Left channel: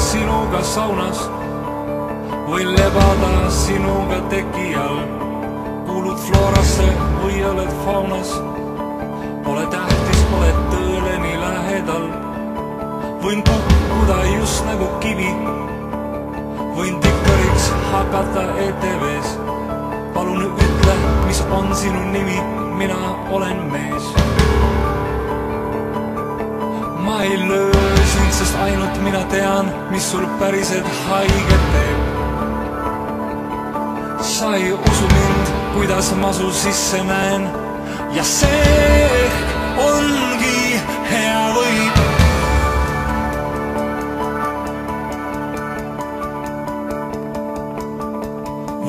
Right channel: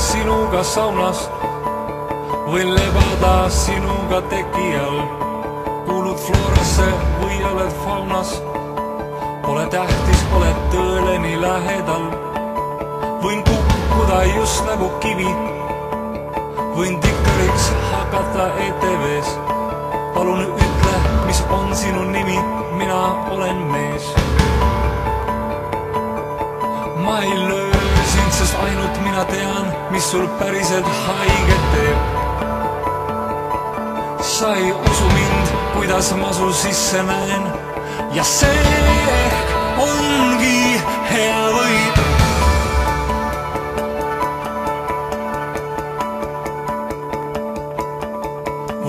sinuga saunas, võin lebada sinuga teki all. Kuulud Florasse või oled faunas, pole tähtis, oled tõele nii lähedal. Võin kukkuda just nagu kivi, võin dikkariks hakata ETV-s. Palun ütle, mis on sinu nimi, mina olen mees. Ma ei löö sind, sest ainult mina tean, mis sul päriselt haiget teeb. Sa ei usu mind, kuidas ma su sisse näen, ja see ongi hea võit.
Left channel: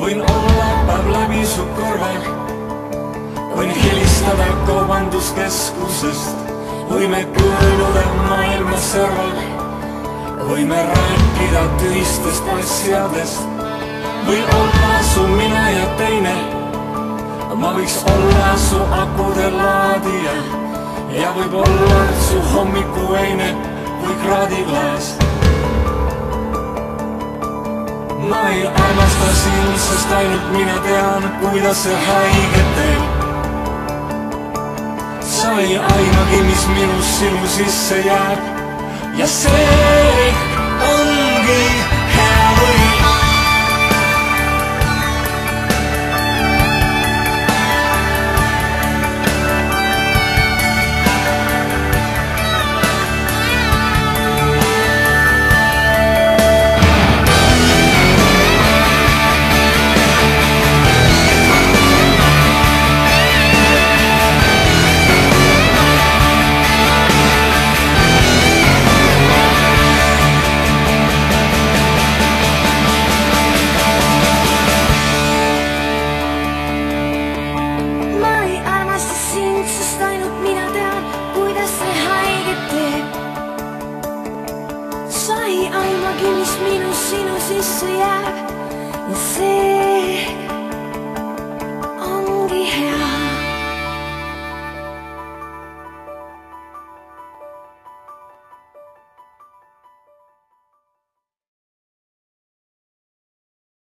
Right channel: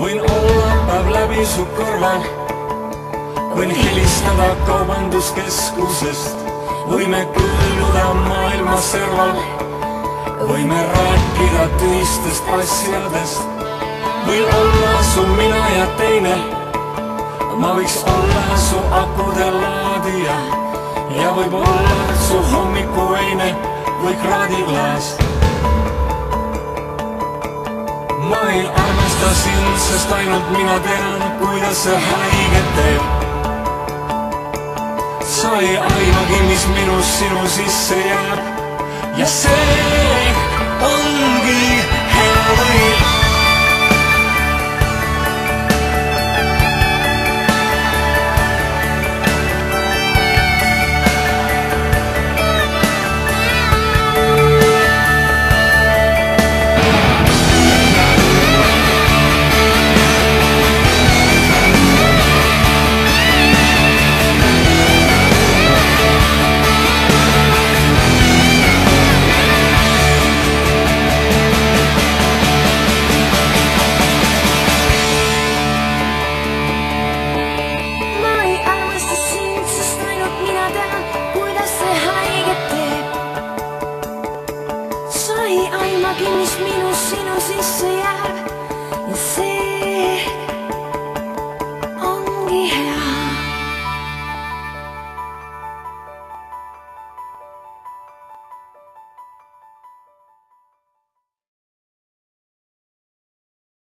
Võin olla päev läbi su kõrval, võin helistada kaubanduskeskusest, võime kõõluda maailma serval, võime rääkida tühistest asjadest. Võin olla su mina ja teine, ma võiks olla su akude laadija ja võib-olla su hommikuveine või kraadiklaas. Ma ei armasta sind, sest ainult mina tean, kuidas see haiget teeb. Sa ei aimagi, mis minus sinu sisse jääb, ja see ongi hea võit. Sa ei aimagi, mis minus sinu sisse jääb, ja see ongi hea.